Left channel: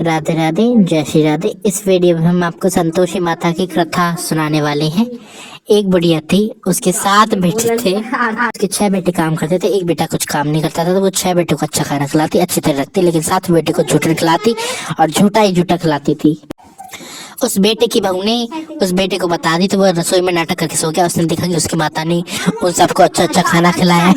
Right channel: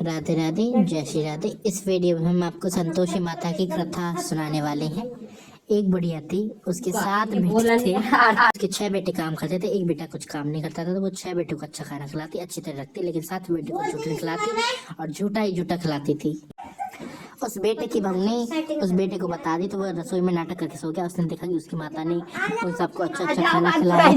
राधे राधे, जय श्री राधे। इस वीडियो में हम आपको संतोषी माता की कथा सुनाने वाले हैं। एक बुढ़िया थी, उसके 7 बेटे थे। उसके 6 बेटे काम करते थे, एक बेटा कुछ काम नहीं करता था। तो वो 6 बेटों को अच्छा खाना खिलाती, अच्छी तरह रखती, लेकिन 7 बेटे को झूठन खिलाती और झूठा ही झूठा खिलाती थी। उस बेटे की बहू ने उस बेटे को बता दी, तो वो रसोई में नाटक करके सो गया। उसने देखा कि उसकी माता ने उन सबको अच्छा अच्छा खाना खिलाया,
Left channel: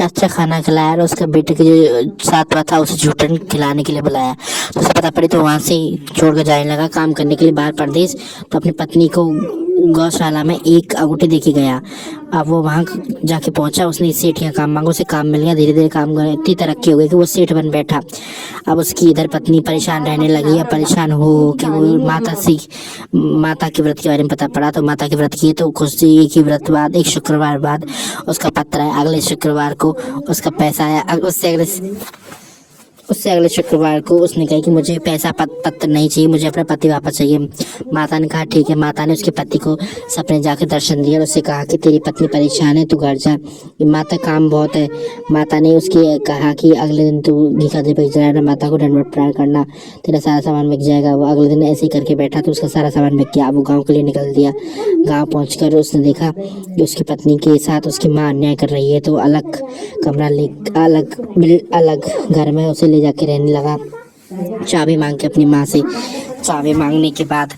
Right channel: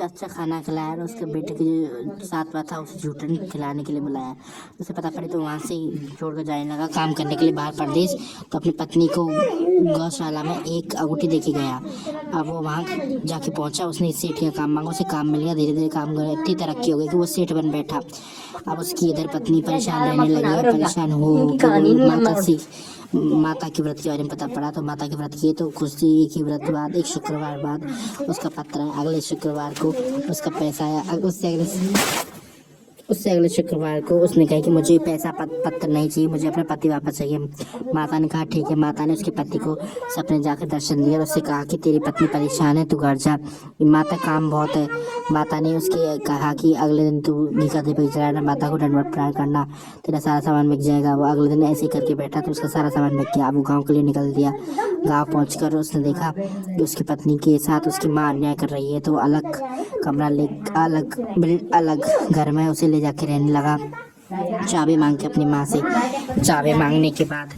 अच्छा खाना खिलाया, और उसके बेटे के जो साथ था उसे झूठन खिलाने के लिए बुलाया। तो उसे पता पड़ी, तो वहां से छोड़ कर जाने लगा काम करने के लिए बाहर परदेश। तो अपनी पत्नी को गौशाला में एक अंगूठी देखी गया। अब वो वहां जाके पहुंचा, उसने सेठ यहाँ काम मांगा, उसे काम मिल गया। धीरे धीरे काम करने इतनी तरक्की हो गई कि वो सेठ बन बैठा। अब उसकी इधर पत्नी परेशान रहने लगी है। परेशान हो कि वो माता के व्रत के बारे में पता पड़ा, तो माता के व्रत किए। तो कुछ एक व्रत बाद, एक शुक्रवार बाद उसका पत्र आया। अगले शुक्रवार को उसका पैसा आया। उससे अगले शुक्रवार को उसने कहा कि मुझे पैसा पत्र नहीं चाहिए, मुझे अपना पति वापस चाहिए। माता ने कहा ठीक है। माता ने उसके पति को सपने जाकर दर्शन दिया और उससे कहा कि तेरी पत्नी परेशान है, तू घर जा, माता काम बहुत है। माता ने उसकी कहा कि अगले दिन तू घी का दीपक जलाना, माता को दंडवत प्रणाम करना, तेरा सारा सामान बिक जाएगा। वो अगले दिन ऐसे ही करके बैठा, तो उसका सारा सामान बिक गया। वो गाँव के लिए निकल दिया। गाँव पहुँच उसने देखा कि उसकी पत्नी के साथ उसकी माँ अन्याय कर रही है। तो अलग कमरा ले अलग घर में उसे ले जाके रहने लगा। चाबी मांग के अपनी माँ से, चाबी मांगने के बाद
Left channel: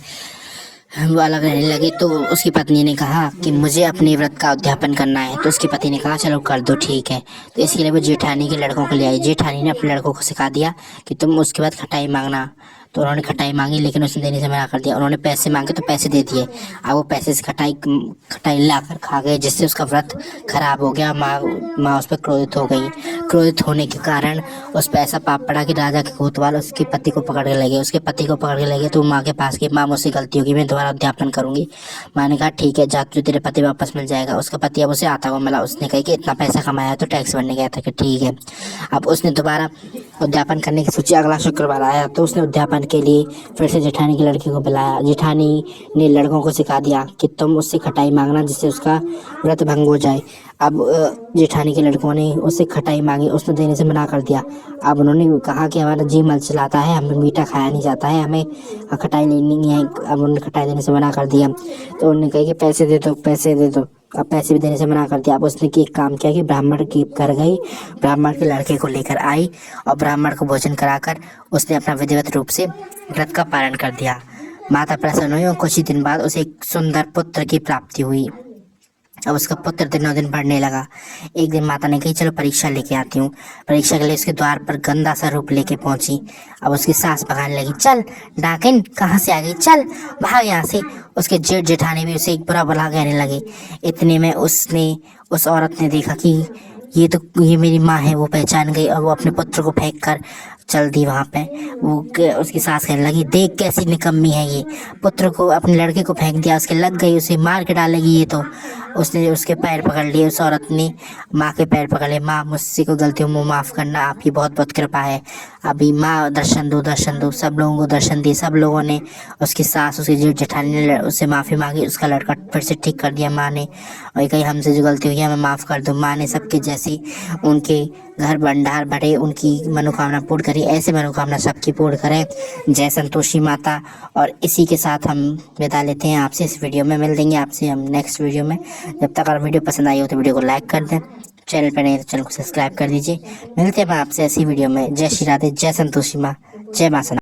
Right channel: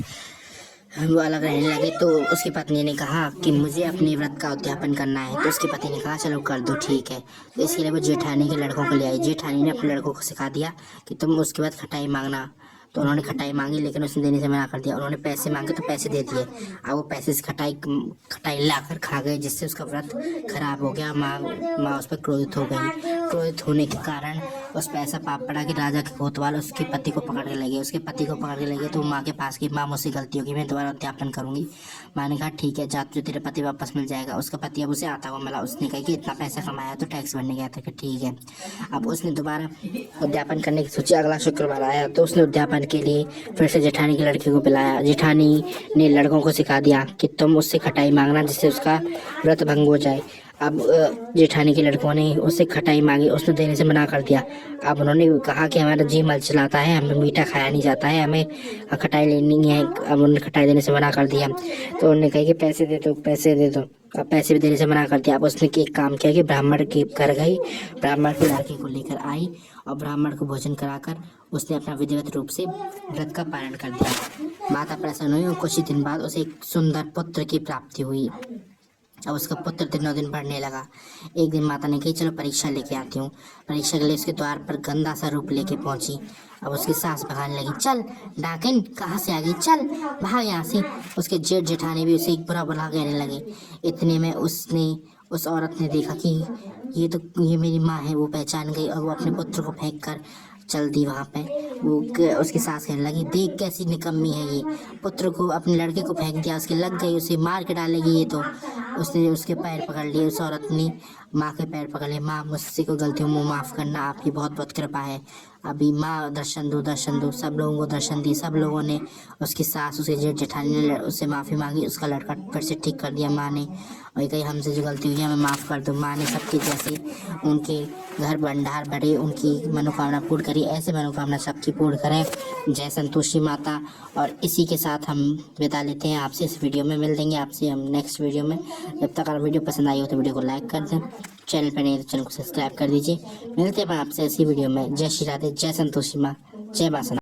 वो अलग रहने लगी। तो उसकी पत्नी ने कहा कि मुझे अपने व्रत का उद्यापन करना है। तो उसके पति ने कहा चलो कर दो, ठीक है। तो इसके लिए वो जेठानी के लड़कों को ले आई। जेठानी ने अपने लड़कों को सिखा दिया कि तुम उसके बाद खटाई मांगना। तो उन्होंने खटाई मांगी, लेकिन उसने देने से मना कर दिया। उन्होंने पैसे मांगे तो पैसे दे दिए। अब वो पैसे से खटाई लाकर खा गए, जिससे उसका व्रत खराब हो गया। माँ उस पर क्रोधित हो गई। क्रोधित होने के कारण उस पर ऐसा पाप पड़ा कि राजा के कोतवाल उसके पति को पकड़ के लगे। उसके पति को पकड़ के लगे तो माँ के पास गई। माँ मुझसे गलती होगी, मैं दोबारा उद्यापन करूंगी। माँ ने कहा ठीक है, जा, तुझे तेरे पति वापस मिल जाएगा। उसका पति अब उसे आता हुआ मिला। उसने कहा कि इतना पैसा कमाया तो टैक्स भरने गया था, कि ठीक है। अब उसने दोबारा उद्यापन करने की सोची। अगला शुक्रवार आया तो उसने उद्यापन के लिए फिर से जेठानी की लड़की को बुलाया। जेठानी ने लड़कों को सिखा दिया कि तुम उससे खटाई मांगना, जिससे उसका व्रत भंग हो जाए। अब जेठानी के लड़कों ने उससे खटाई मांगी, उसने देने से मना कर दिया। अब उन्होंने कहा कि हमारा जी मल चलाता है, हमें मीठा खाया नहीं जाता है, हमें खटाई लेनी है। अब उन्होंने खटाई देने से मना कर दिया। तो उन्होंने कहा कि पैसे दे दो, पैसे दे दो। अब पैसे भी देने से मना कर दिया। अब उसने एक काम किया कि ब्राह्मण की कर गई, ब्राह्मण के लड़के को लेकर आई और ब्राह्मण को भोजन कराकर उसने अपना विधिवत रूप से व्रत का पालन कर दिया। माता प्रसन्न हुई और कुछ ही दिन बाद उसे एक सुंदर पुत्र की प्राप्ति हुई। अब उसका पुत्र दिनों दिन बढ़ने लगा। एक दिन माता ने कही चलो परीक्षा लेके आती हूँ। परीक्षा के लिए उसके द्वार पर गंदा सा रूप लेके पहुंची। अब उसकी सास भगाने लगी, चल डाकिन कहाँ से आ गई, चल भाग यहाँ से। उसके जेठ जेठानी भी उसे एक बुरा भला कहने लगे। इतने में उस औरत ने देखा कि ये मेरी माँ है। वो पहचान गई और वो अपने पुत्र को फेंक कर चल दी वहां पे। उसकी सास कहने लगी, देख कैसी निकम्मी है ये, पुत्र को, अपने लड़के को फेंक दिया, उसके लग गई, उसे मार के डालेगी ये तो। उसने उसके पैर पकड़ लिए। उस औरत ने माँ के पैर पकड़ लिए। माँ मुझसे कोई गलती हो माफ़ करना, आपकी बहुत बहुत कृपा है। अभी माँ दर्शन दो, दर्शन दो। सब लोगों को दर्शन दिए। सब लोगों ने, उसकी सास, उसकी जेठ जेठानी ने उससे माफ़ी मांगी। उसका लड़का फिर से ठीक कर दिया माँ ने। और कहीं हमसे जो गलती हुई है हमें माफ़ कर दो। माँ ने सबके जैसी उनके घर भंडार भरे, उनकी मनोकामना पूर्ण करी। ऐसे मनोकामना सबकी पूर्ण करें। जय संतोषी माता। और इसी के साथ हम विदा लेते हैं आपसे। इस वीडियो में मिल देंगे आपसे हम नेक्स्ट वीडियो में। जब तक अगर वीडियो पसंद आई हो तो वीडियो को लाइक कर दें, चैनल पर नहीं तो चैनल को सब्सक्राइब कर दीजिए। मिलते हैं आपसे ऐसी वीडियो में। जय श्री राधे, जय संतोषी माँ, जय माँ।